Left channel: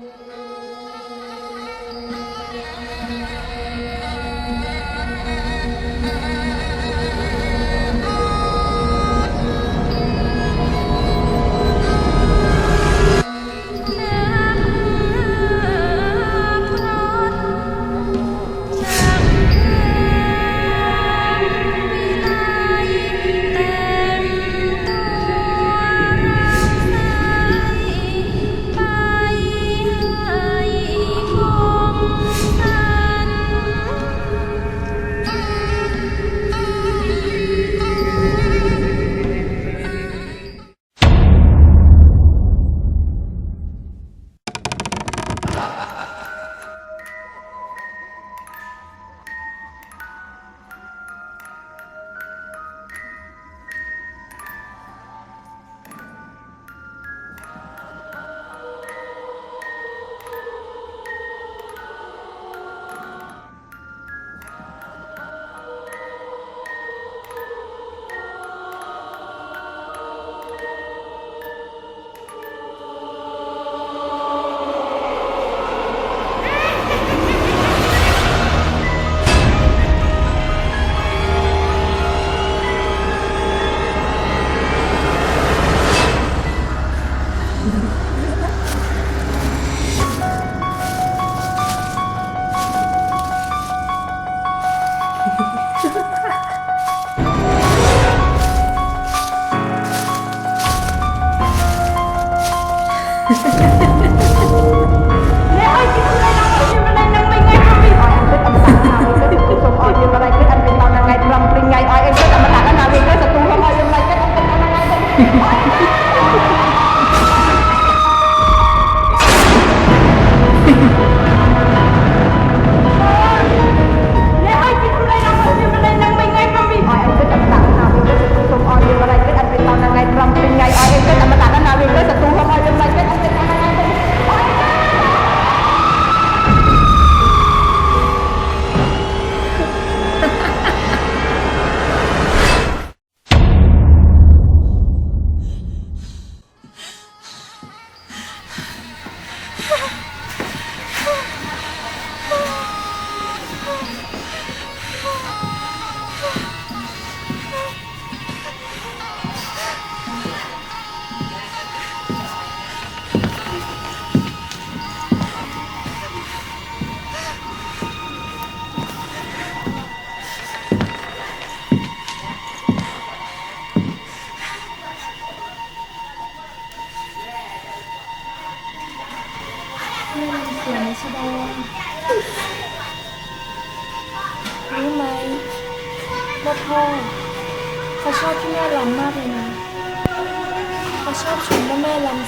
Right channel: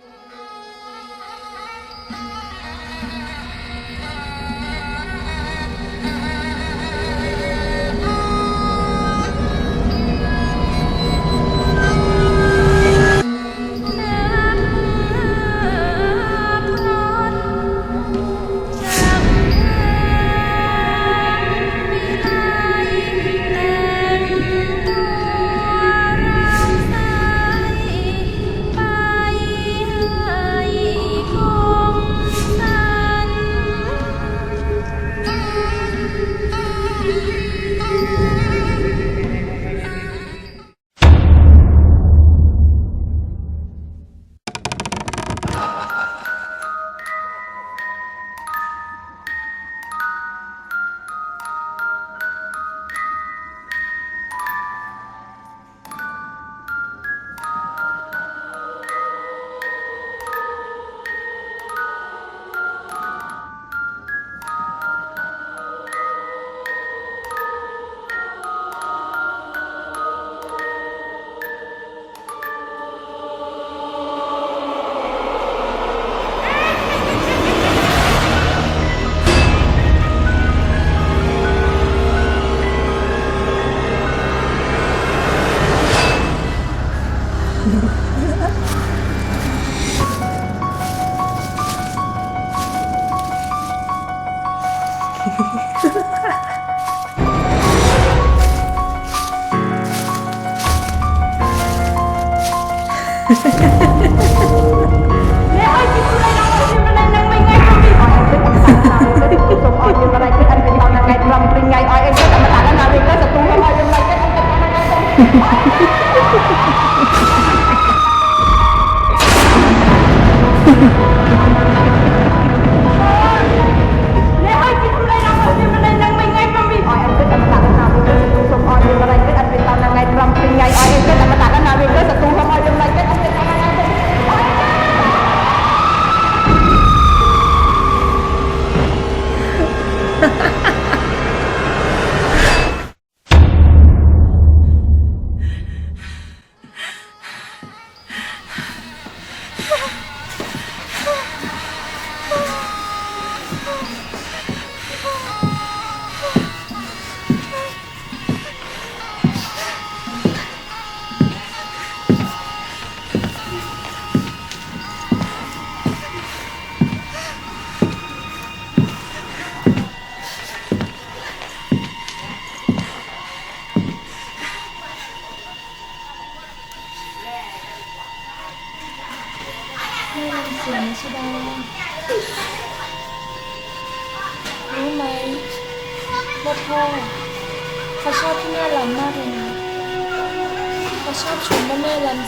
เนี่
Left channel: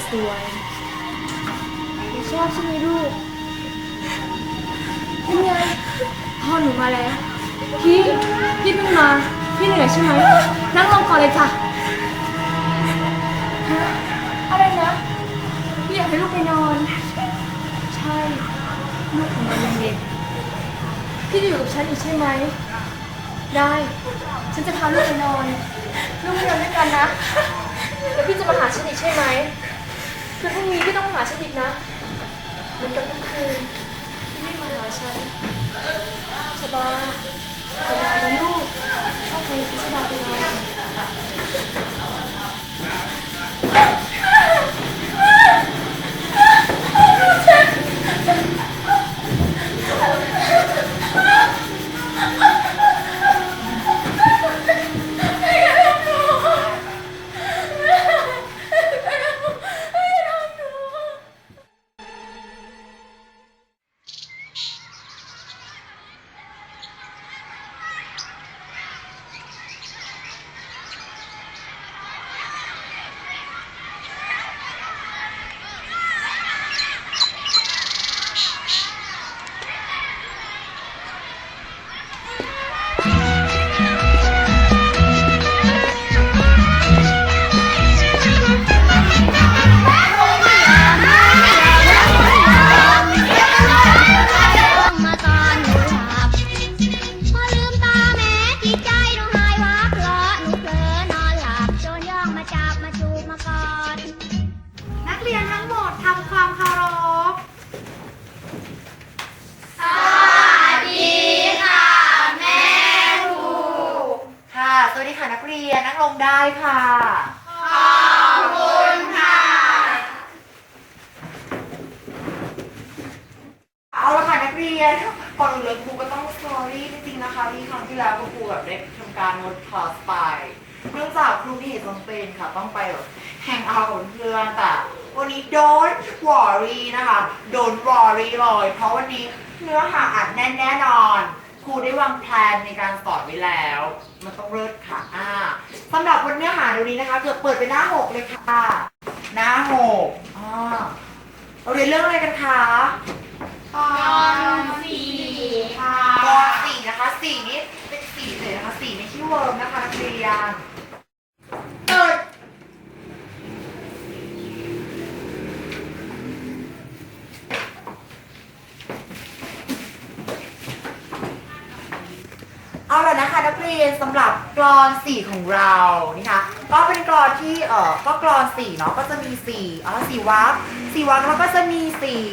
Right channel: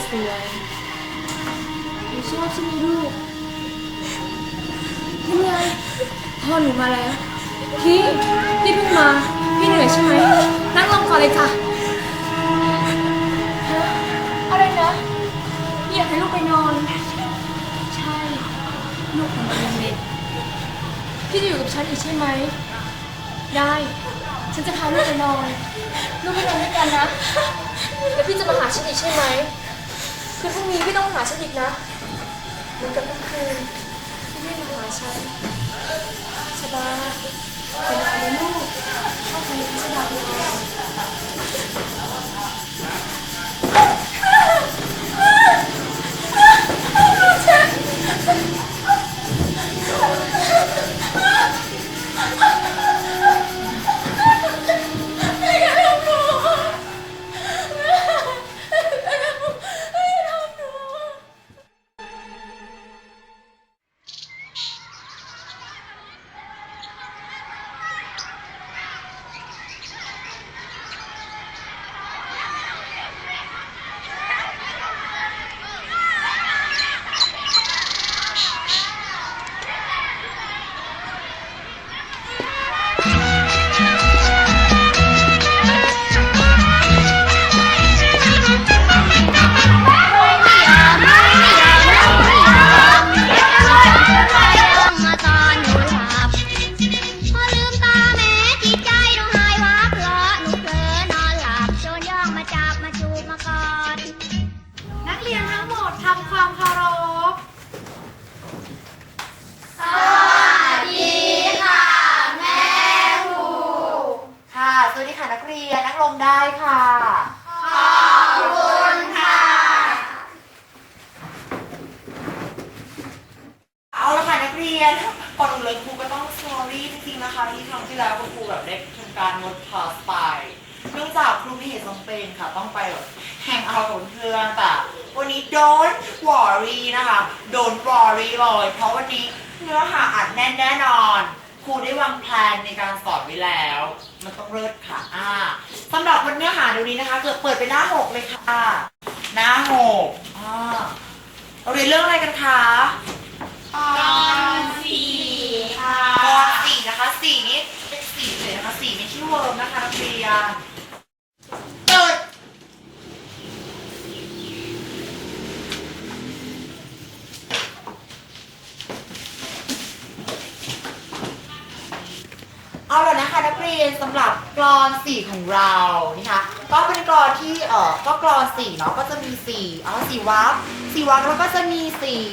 สวยหนูชอบใช่ไหมลูกนี่ไงพ่อหนูมาแล้ว พี่ พี่เพิ่งมา พี่เหนื่อยใช่ไหม นั่งลงก่อนเลยค่ะฮะอะไรนะพี่อยากให้ลูกไปนอน ใช่ ลูกของเรายังเด็กพี่จะอยู่กับฉันอีกใช่ไหม ได้ ฉันจะพาลูกไปนอน ลูกไปนอนด้วยกันนะ แล้วพี่จะมาหาฉันอีกใช่ไหม คือพรุ่งนี้พี่ต้องหาฉันอีกนะเหมือนกับทุกคืนพี่ไม่มาหาฉันสบาเป็นอะไรนลูกเข้าไจพิชดาไป็นอะไรฉัน วันนี้ don't worry นะคะ don't worry เลยเพราะวันนี้เนื้อหาอัดแน่นแน่นอนครูได้วางแผนในการสอนไว้แล้ว มันต้องเลิศค่ะอ่าสำหรับวันเนื้อหาเดี๋ยวนี้นะคะ เกิดเปิดไปหน้าหกเลยค่ะ หน้าหกอ่าเราเรียนเรื่องอะไรกันคะตอนสี่ค่ะกอนสี่นะคะสี่นี้เป็นสี่เลยนะคะสี่ไม่ใช่เวิร์มนะคะนักเรียนเปิด เอาละนะคะนักเรียนสำหรับกรอนสี่ของเรานี่คะก็เป็นกรอนที่เอ่อก็กรอนสี่เนาะก็จะมีสี่อ๋อสี่วรรคสี่วรรคแล้วก็จะมีสี่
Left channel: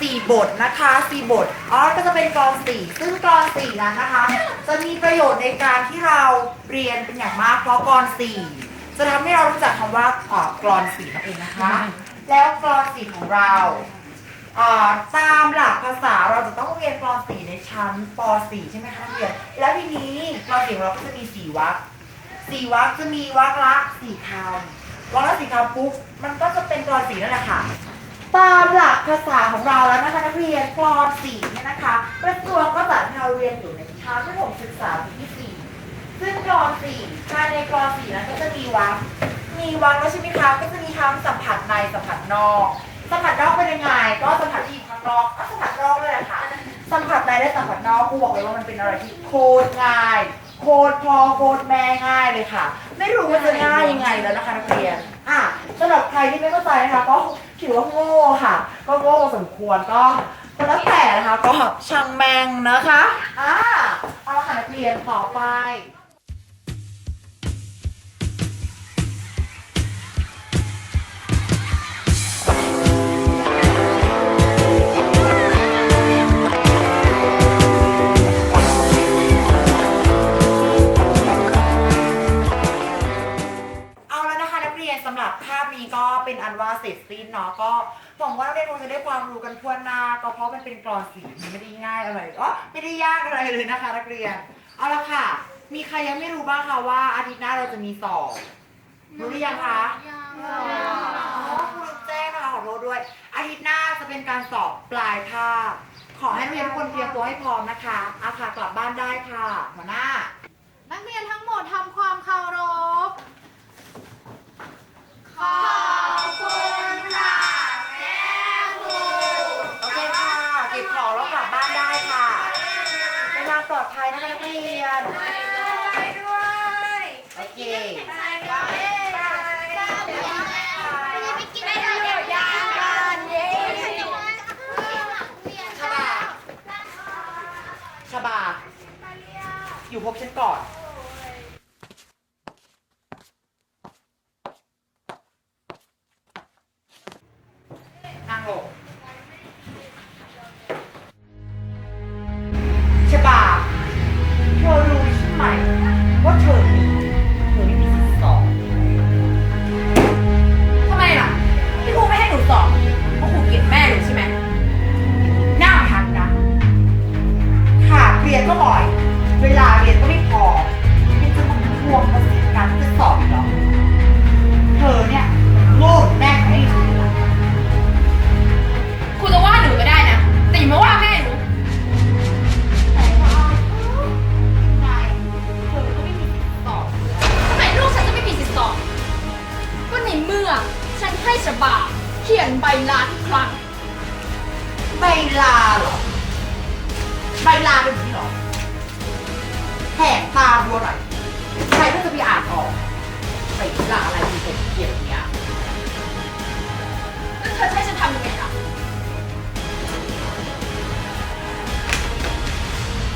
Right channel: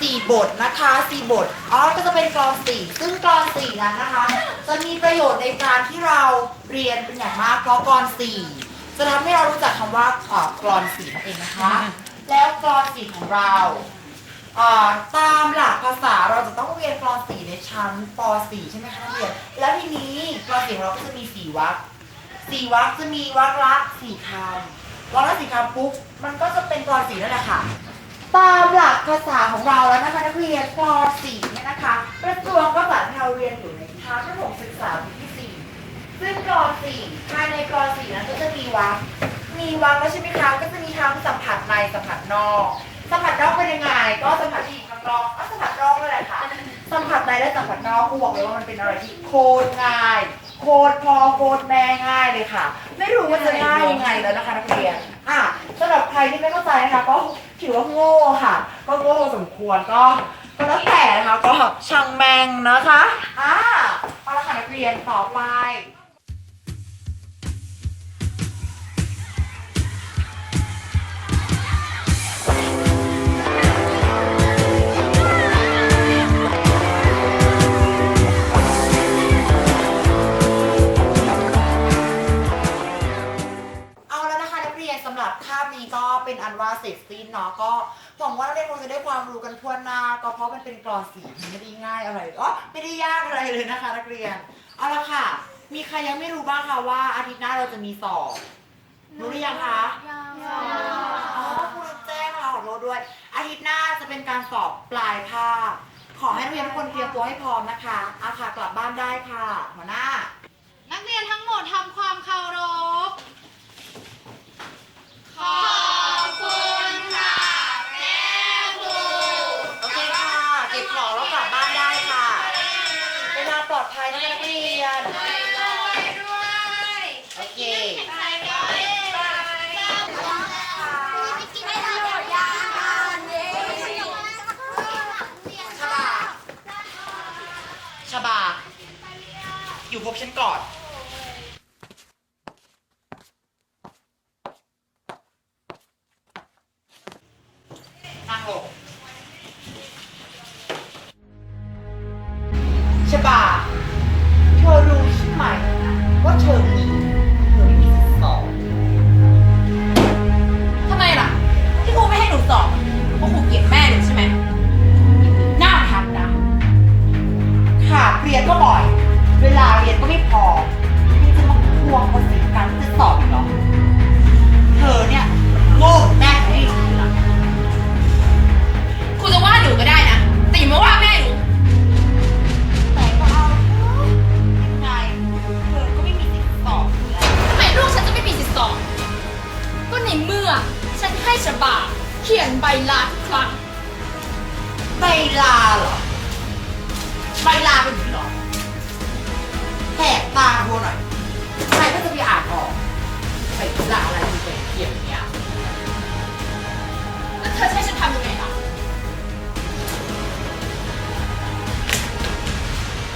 สี่บทนะคะสี่บทอ๋อก็จะเป็นกรอนสี่ซึ่งกรอนสี่นั้นนะคะ จะมีประโยชน์ในการที่เราเรียนเป็นอย่างมากเพราะกรอนสี่จะทำให้เรารู้จักคำว่าเอ่อกรอนสี่นั่นเองนะคะ แล้วกรอนสี่ของเรา อ่าตามหลักภาษาเราจะต้องเรียนกรอนสี่ในชั้นป .4 ใช่ไหมคะนักเรียน แล้วทีนี้กรอนสี่ของเราก็จะมีสี่วรรคสี่วรรคจะมีวรรคละสี่คำวรรคละสี่คำปุ๊บมันก็จะเป็นกรอนสี่นั่นแหละค่ะ ตามหลักภาษาของเราแล้วนะคะนักเรียนกรอนสี่เนี่ยนะคะกระทรวงก็จัดให้เราเรียนอยู่ในชั้นประถมศึกษาปีที่สี่ซึ่งกรอนสี่ภายในกรอนสี่นั้นก็จะมีวรรคมีวรรคแล้วใช่ไหมคะก็จะมีทั้งสัมผัสในสัมผัสนอก สัมผัสนอกเป็นยังไง ก็สัมผัสที่อยู่ข้างนอกก็สัมผัสนอกเลยแหละค่ะ สัมผัสในและสัมผัสนอกครูบอกเลยว่ามันเป็นอะไรที่โคตรง่าย โคตรพอโคตรแม่ง่ายเลยค่ะ ไม่รู้ว่าจะง่ายยังไงแล้วนะคะนักเรียน อะสำหรับใครที่ไม่เข้าใจนะคะ ก็ถือว่าโง่ค่ะ ก็โง่พอสมควรก็ก็แล้วแต่นะคะก็ช่างแมงนะคะอะเอาละค่ะนักเรียนต่อไป เสร็จสิ้นเนาะก็หวังว่านักเรียนคงจะได้ความรู้กันทั่วหน้า ก็เพราะมันเป็นกรอนสีมันไม่ได้ง่ายอะไรอ๋อไม่ได้ยากอะไรเลยนะคะ นักเรียนเอาละค่ะ มีใครยังไม่รู้บ้างคะว่าอาทิตย์หน้าเราจะมีสอบรู้หรือยังคะอ๋อครูลืมแจ้งนะคะขอโทษด้วย อาทิตย์หน้าจะเป็นการสอบปลายภาคขอให้นักเรียนทุกคนเตรียมตัวให้พร้อมนะคะอาค่ะกลับบ้านได้ค่ะ หัวหน้า นักเรียนทั้งหมดทำความเคารพ ใบลาเป็นแบบนี้หรอแหกตาดูหน่อยใครก็จะไปอ่านออกใบลาอะไรมีเป็นเขียนอย่างเงี้ยแล้วเธอจะให้ฉันทำยังไงล่ะ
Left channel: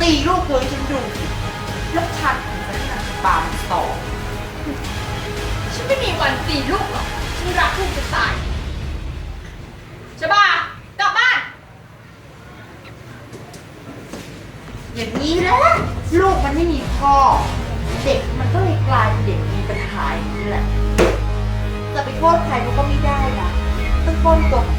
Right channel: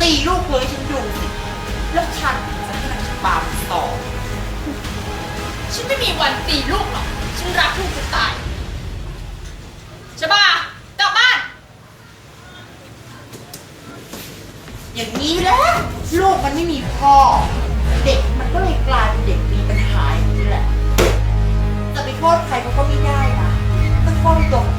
ตีลูกเธอให้ฉันดูสิแล้วฉันถึงจะให้นางชะบามันสอฉันไม่มีวันตีลูกหรอก ฉันรักลูกจะตายฉบากลับบ้าน อย่างนี้แหละลูกมันไม่มีพ่อ เด็กมันก็เลยกลายเป็นเด็กมีปัญหาอย่างนี้แหละ จะไปโทษใครเขาก็ไม่ได้นะต้องโทษตัวของ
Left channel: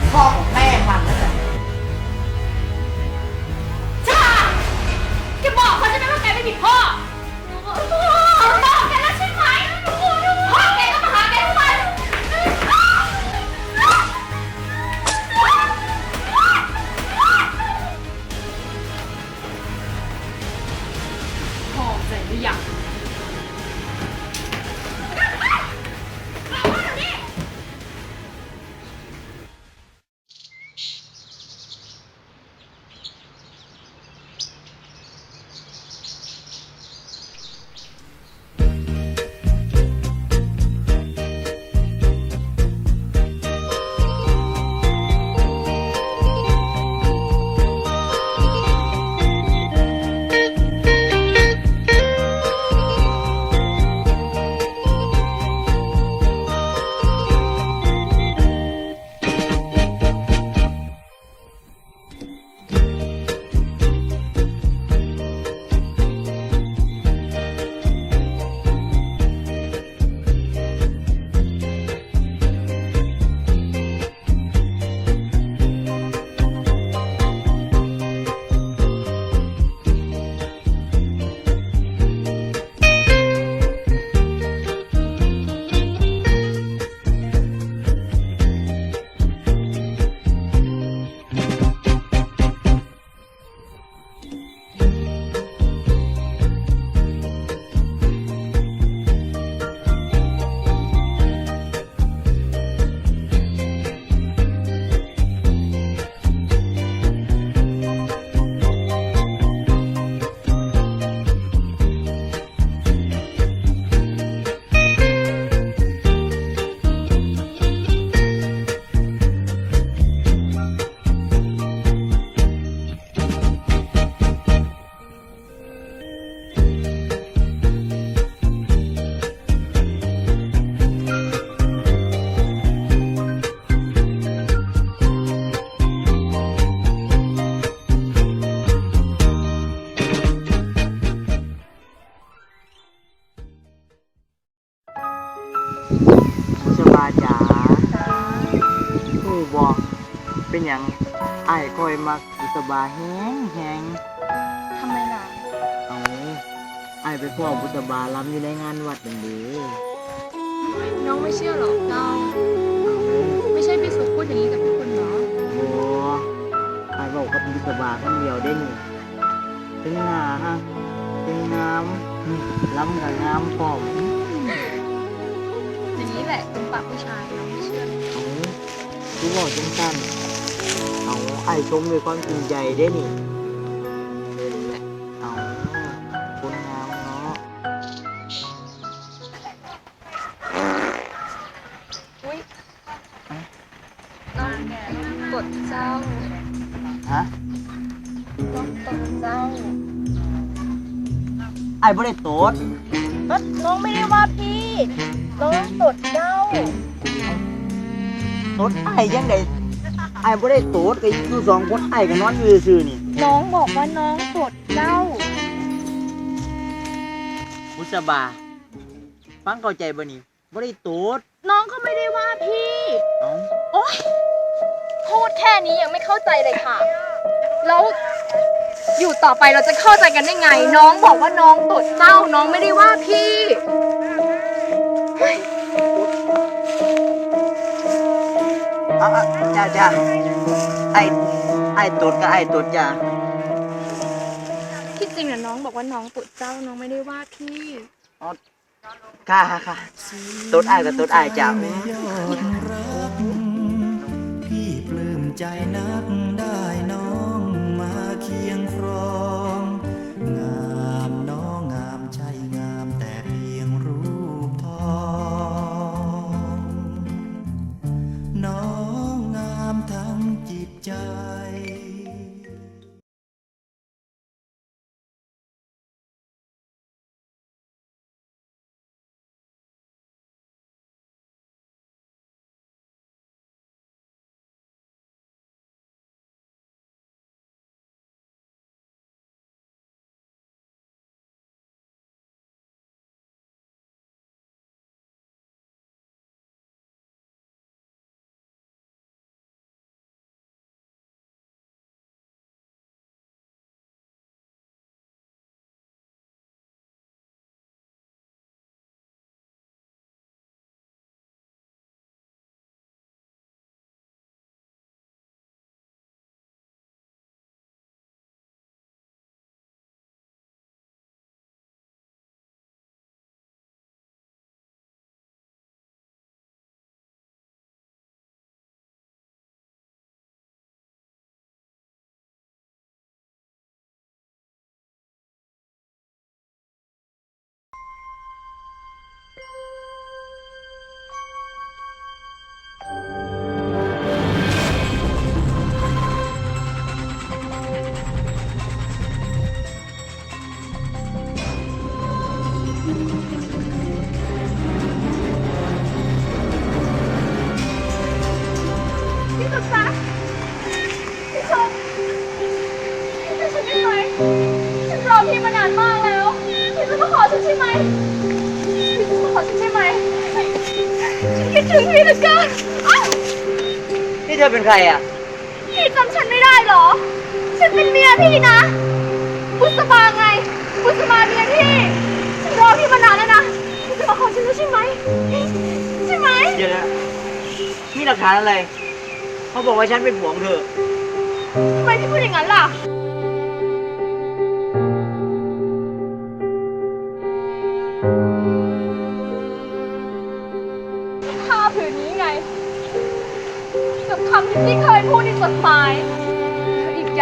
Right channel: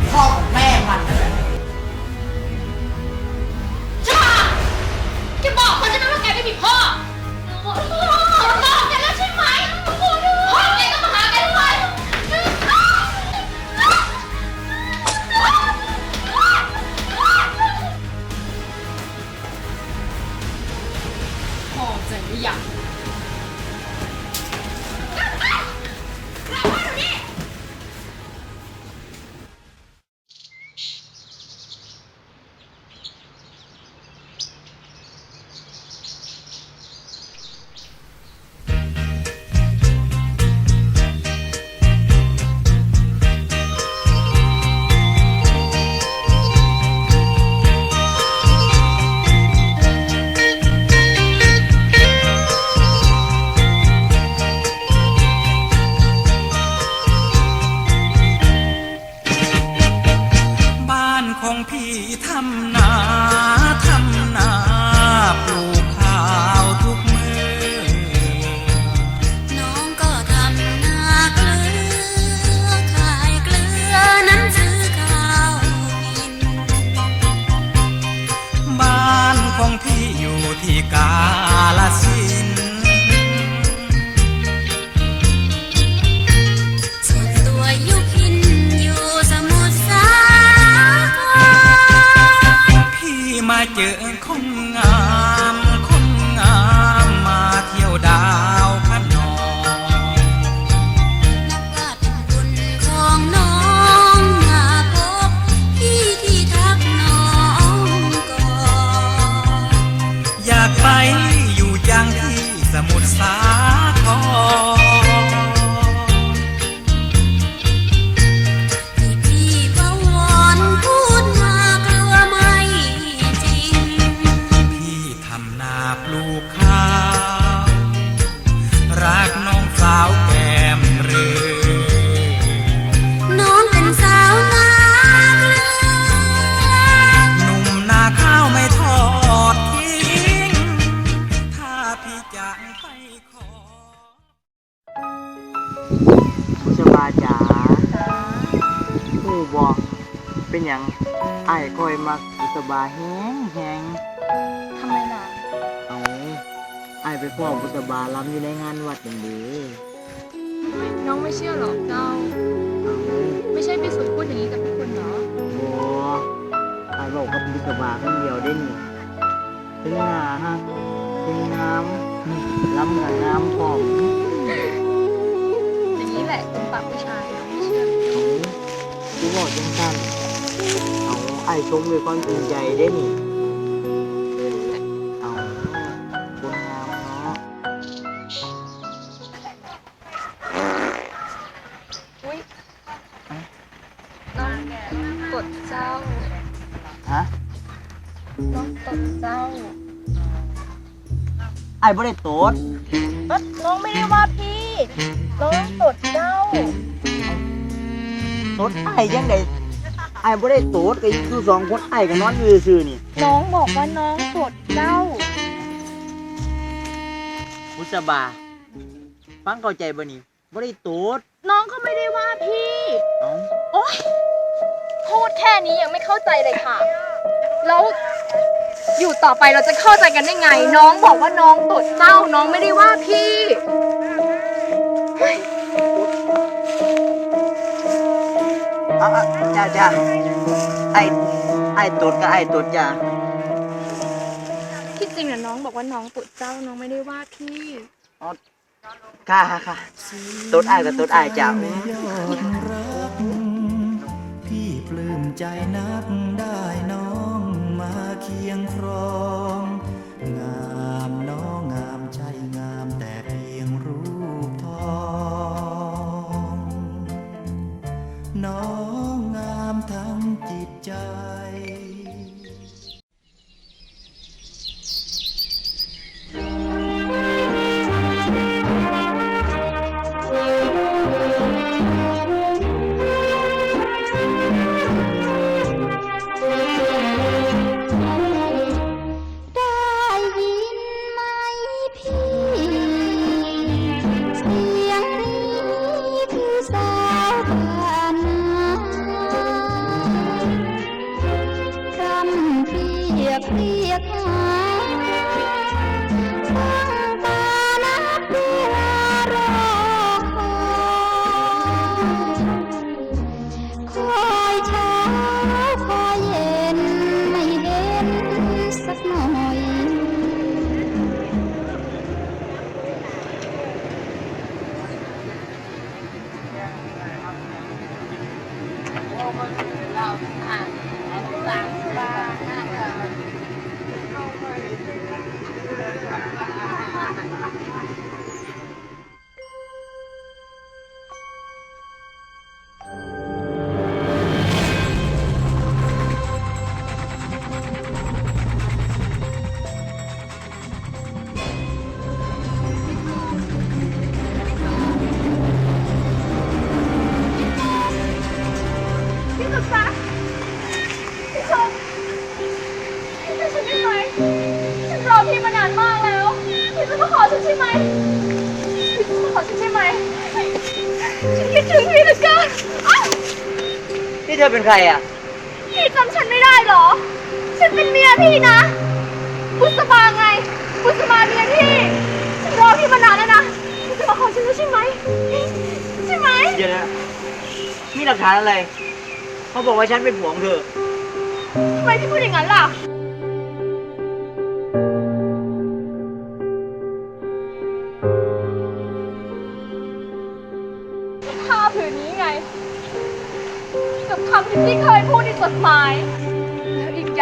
คอยมักบุษบาแห้งแห้งทำไมล่ะ เอาไอ้ายไปพ่อบุษบาลำอยู่ในงานวัดนั่นเดีน้องไม่เชื่อหรอกเราเอาไม่ใช่พี่สุพูดอย่างนี้กับทุกคนเหรอ บอไอ้ายบอกกับบุษบาคนเดียวได้นี่ถึงหน้าฮะถึงน้ำนี่ลำกับงามพร้อมอย่างนี้แหละเป็นปากผู้ชายน้องไม่เชื่อ เอาคือบอกจังสั้นเอา ไอ้ายชมด้วยความจริงใจได้นี่เอาคนงามเนาะอุ้ยน้องกดเจ้า ฮะน้องตดเจ้า ไอ้บ่ได้โตดน้องไม่ได้ว่าพี่ น้องตดเจ้าโตดไอ้ยังไง ไอ้บ่ได้โตดก็คือสองคนไอ้ก็นอนอยู่ซื่อๆนี่น้องบอกว่าน้องตดเจ้ามุสบา ฟังเข้าใจบ่นี่บ่ได้โตดน้องก็ไม่ได้ว่าพี่ เอ้าโอ๊ย พูดแค่นี้ยังไม่เข้าใจเลยค่ะ แล้วอยู่ต่อไปเราจะเข้าใจกันได้ไง น้องบอกว่าน้องตดเจ้าน้องไม่ได้ว่าพี่เอาเอาจ้าจ้าไอ้ไอ้โตดก็ไอ้โตดจ้าที่จริงน่ะน้องบอกว่าน้องตดเจ้าน้องไม่ได้ว่าพี่ค่ะค่ะค่ะโตดไอ้ก็โตดไอ้จ้าพี่ปลื้มใจนักได้น้องมาเคียงครองง นฉั ถึงพี่เหลือเกินอ้าวนี่เธอเป็นใครอะ พี่จำฉันไม่ได้เหรอ ฉันเป็นเมียพี่นะ บุษบาไง บุษบาเมียพี่ ฉันรอพี่มานานแล้วนะพี่จะมาขอฉันแล้วใช่ไหม ใช่ไหม เดี๋ยวนะมีหลักฐานอะไร เขาบอกว่าฉันเป็นผัวของเธอ ทำไมพี่พูดอย่างนั้นล่ะ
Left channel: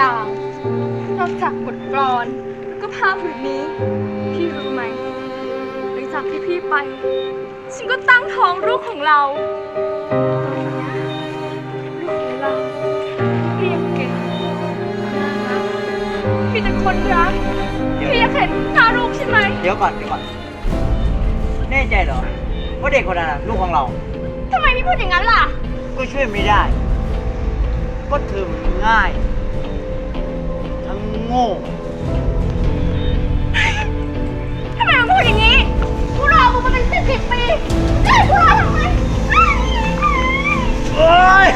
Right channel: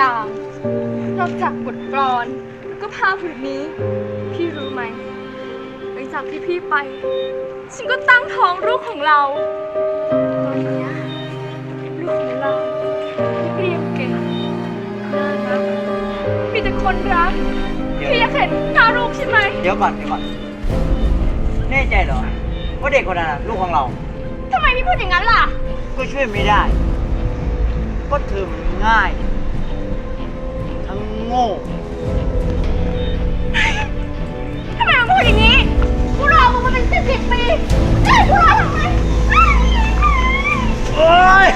อีกอย่างนอกจากบทกลอนแล้วก็ผ้าผืนนี้ พี่รู้ไหมหลังจากที่พี่ไป ฉันก็ตั้งท้องลูกของเรา ตอนเนี้ยลูกของเราเรียนเก่งน่ารักมีแต่คนรักเดี๋ยว พี่อยากเห็นหน้าลูกใช่ไหมเดี๋ยวก่อนเดี๋ยวก่อนแน่ใจเหรอว่าเด็กคนนั้นน่ะลูกของเรา ทำไมพี่พูดอย่างนั้นล่ะ ก็ช่วยไม่ได้ ก็เธอมันง่ายทั้ งโง่ทำไมมันพูดอย่างนี้พวกเรามึงมาเป็นสิบสิบปีเจ๊พวกเราทำไมโอ๊ย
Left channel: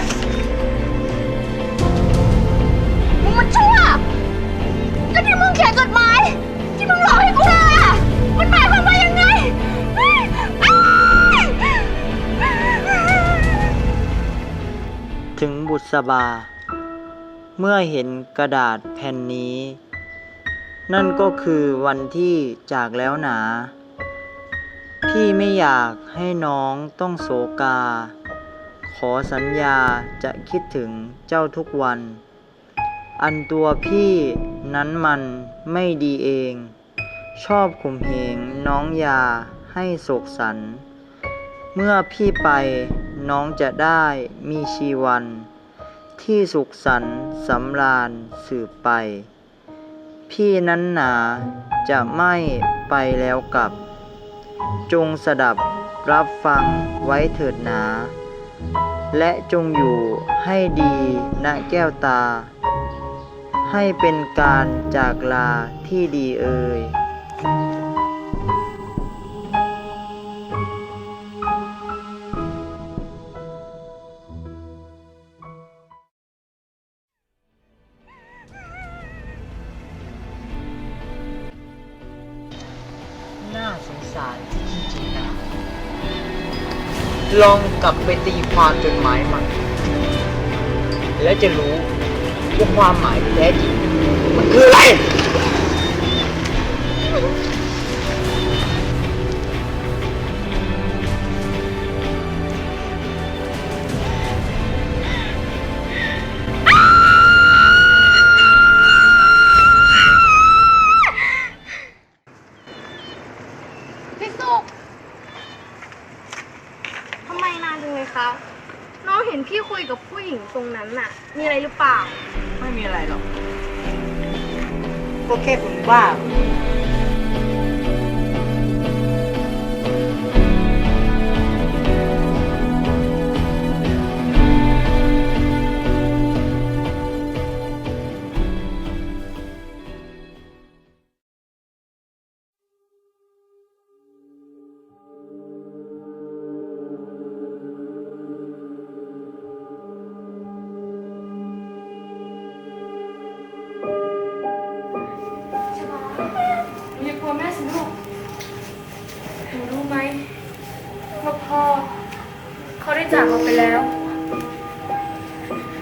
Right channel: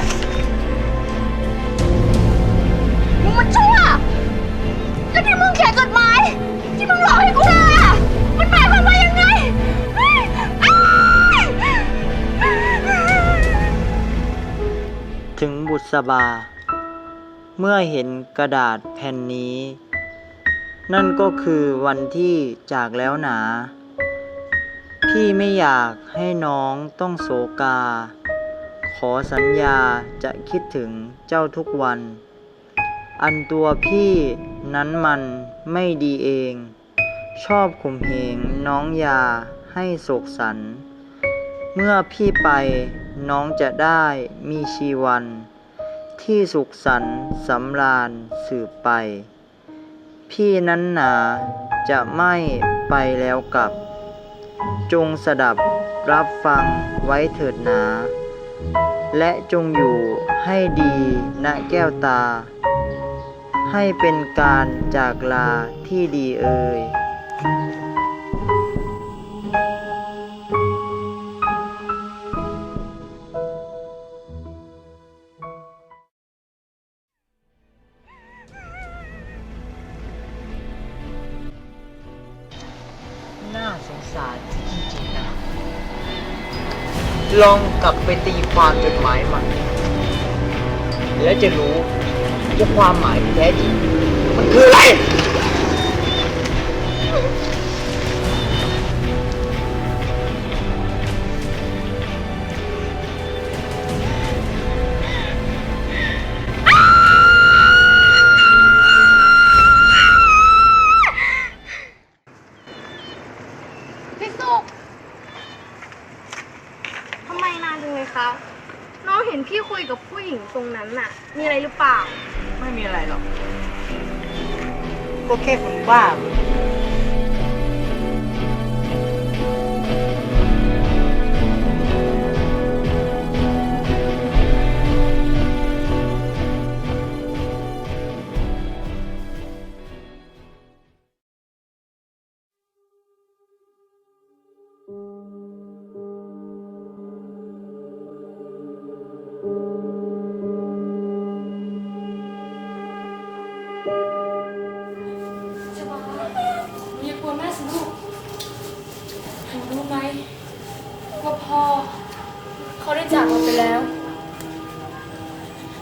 มึงมันชั่วแล้วที่มึงเขียนจดหมาย ที่มึงหลอกให้กูเลยอะมันหมายความว่ายังไงเฮ้ยอ้ายถึงบุษบา เมื่อเห็นกระดาษแผ่นนี้ นั่นก็คือวันที่จากแล้วหนา พี่ไม่อยากให้น้องต้องโศกา ขอสัญญาจะคิดถึงเจ้าทุกวัน อันตัวพี่นั้นมันไม่ดีเอง ชอบข่มเหงน้องยาให้โศกสัน เมื่อพี่ไปน้องจะได้มีชีวัน ที่สุขสันต์สำราญสืบไป พี่นั้นหนาจะไม่ไปแล้วกลับ จงสดับรับฟังไว้เถิดหนา และจงอยู่ให้ดีณแก้วตา ให้เป็นการจากลาที่ดีเอ่ย น่าสงสารจริงๆนะ ลองกลับไปตีความจดหมายมัน แล้วจะรู้ว่าความหมายที่แท้จริง มันคืออะไร ก็แ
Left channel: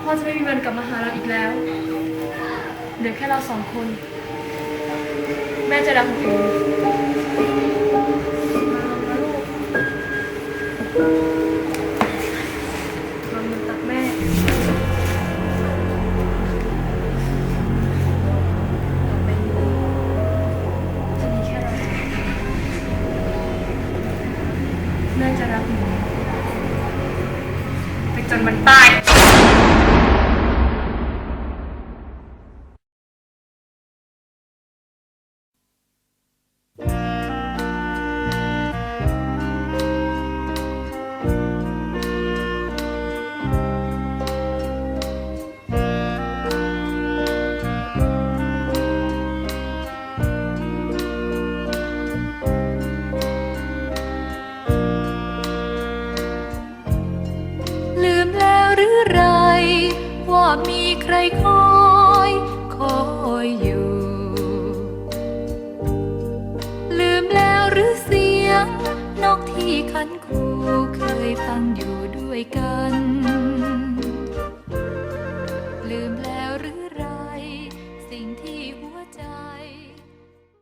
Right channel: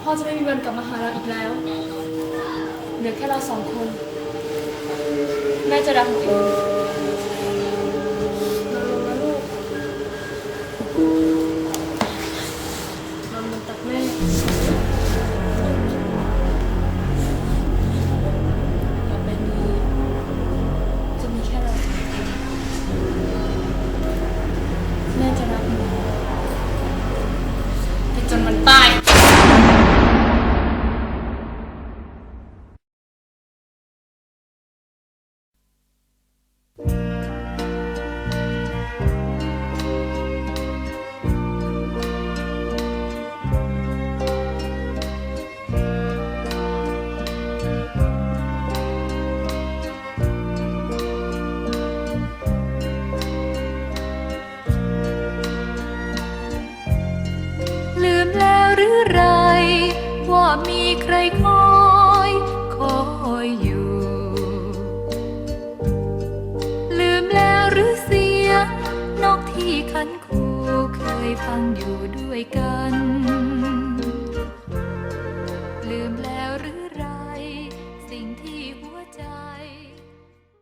พ่อจะไม่มีวันกลับมาหาเราอีกแล้ว เหลือแค่เราสองคน แม่จะรักหนูเอง มี